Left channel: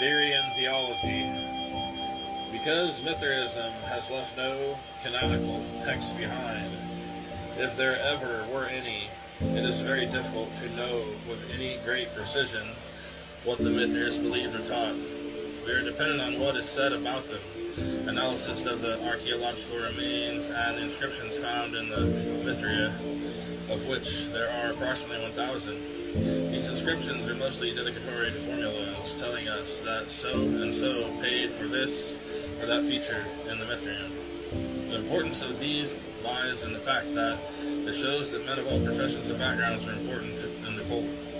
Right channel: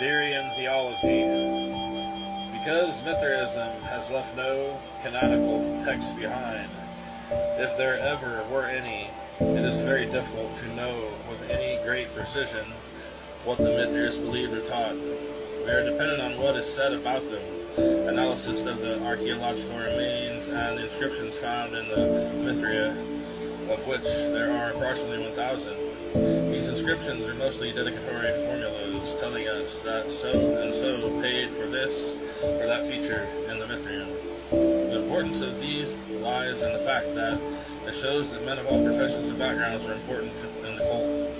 Theory and Theology. Because Mithraism has left no canonical text behind, if there ever were any, it is very difficult to know with any great precision what the Mithras believed or taught. We are dependent on what is said about them, analysis of the archaeological remains and the inscriptions found in the Mithra, of which there are approximately 1,000. These inscriptions are mostly dedicatory formulas telling us that so and so paid for this or that feature in the Mithra. The importance of these lies in the fact that it shows that men of all professions and backgrounds are important in the cult.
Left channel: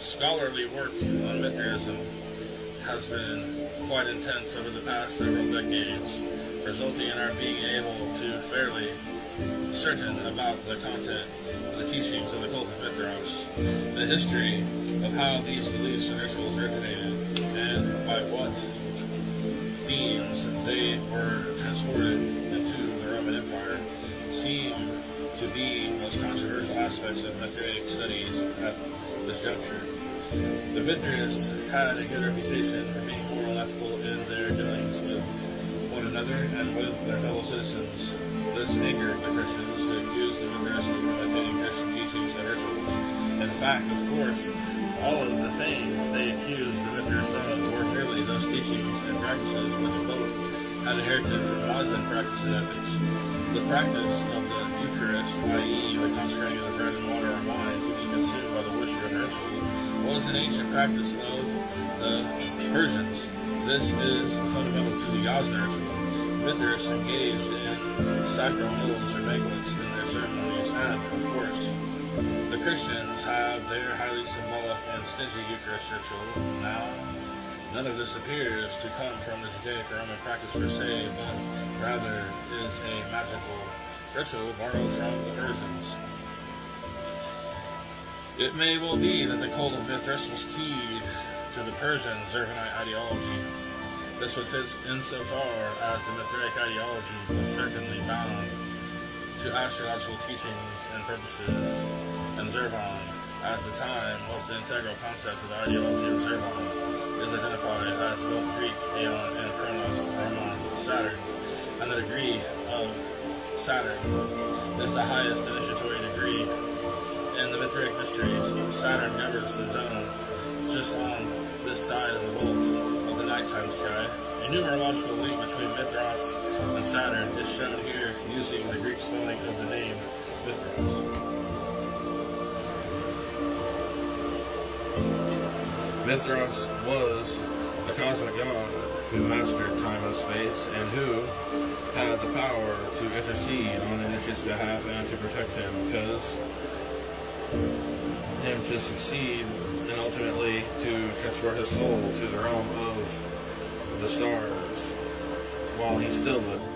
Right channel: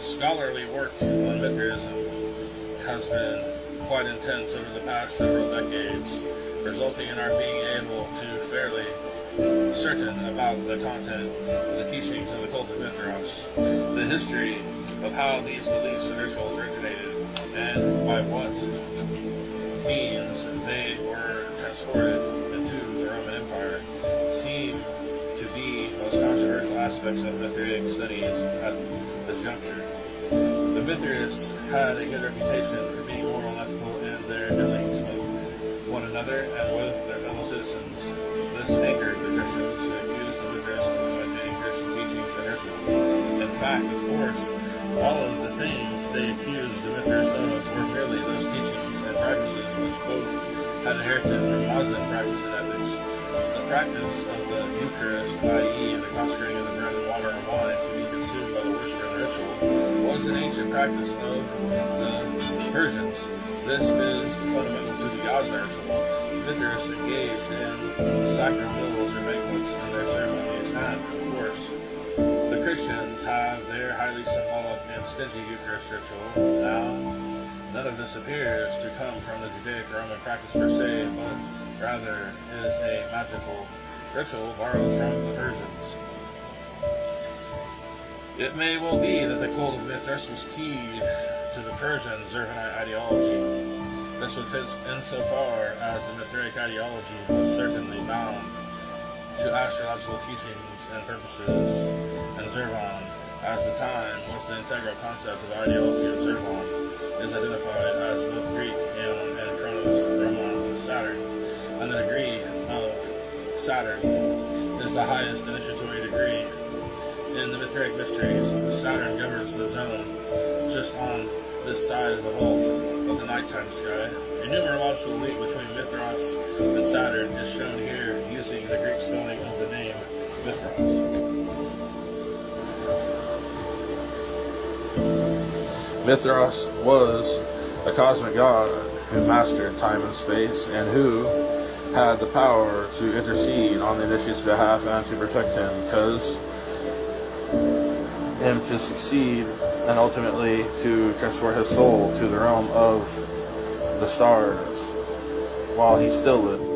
Scholarly work on Mithraism has been quite intense over the past several decades, resulting in our being able to fairly certain about the content of the teachings of the cult of Mithras, the history of how these beliefs and rituals originated, and by what means they were transported into the Roman Empire, seem to be most controversial aspects of Mithraic studies at this juncture. The Mithras had a good reputation for being moral and ethical in their dealings with one another and with their fellow citizens. This angered the Christians who accused the Mithras of imitating Christian teachings and rituals. In fact, of course, all of the things they accused the Mithras of were merely those teachings and practices which both had inherited from Muslim practice and ethics. The practice of the Eucharist, i.e. the consecrating of the bread and water and wine to be consumed by the worshiper in the ritual, was an ancient practice of the Persians. This is fundamental to the Yasna ritual. Mithras engaged in sacred meals or banquets in their ceremonies, and, of course, the Christians have their highly symbolic and stingy Eucharist ritual. Now, none of this appears to come from the Judaic or Roman practice per se, but rather is a magical ritual borrowed from the Persians. It may well be that the cult of Mithras was keyed to the Persian Zoroastrian ideology. This would fit insofar as the Mithraic ideology was certainly bound to astrological teachings and purposes, and Zervan, as the time was the integral concept of the ideology of Zervan, is identified as both Greek Aeon and Chronos Roman Saturn, and the degree of Saturn is the highest initiatory degree. In the Mithraic mysteries, Saturn governs the zone just on this side of the vault of the nighttime sky. A numerological link between Mithras and Saturn is shown here using the Greek spelling of the name Mithras. Mithras was a cosmic god who mastered time and space and who had the power to intercede on the initiate's behalf and to protect him, because him to succeed and ultimately to transport his soul to the realm of the stars while he still lived.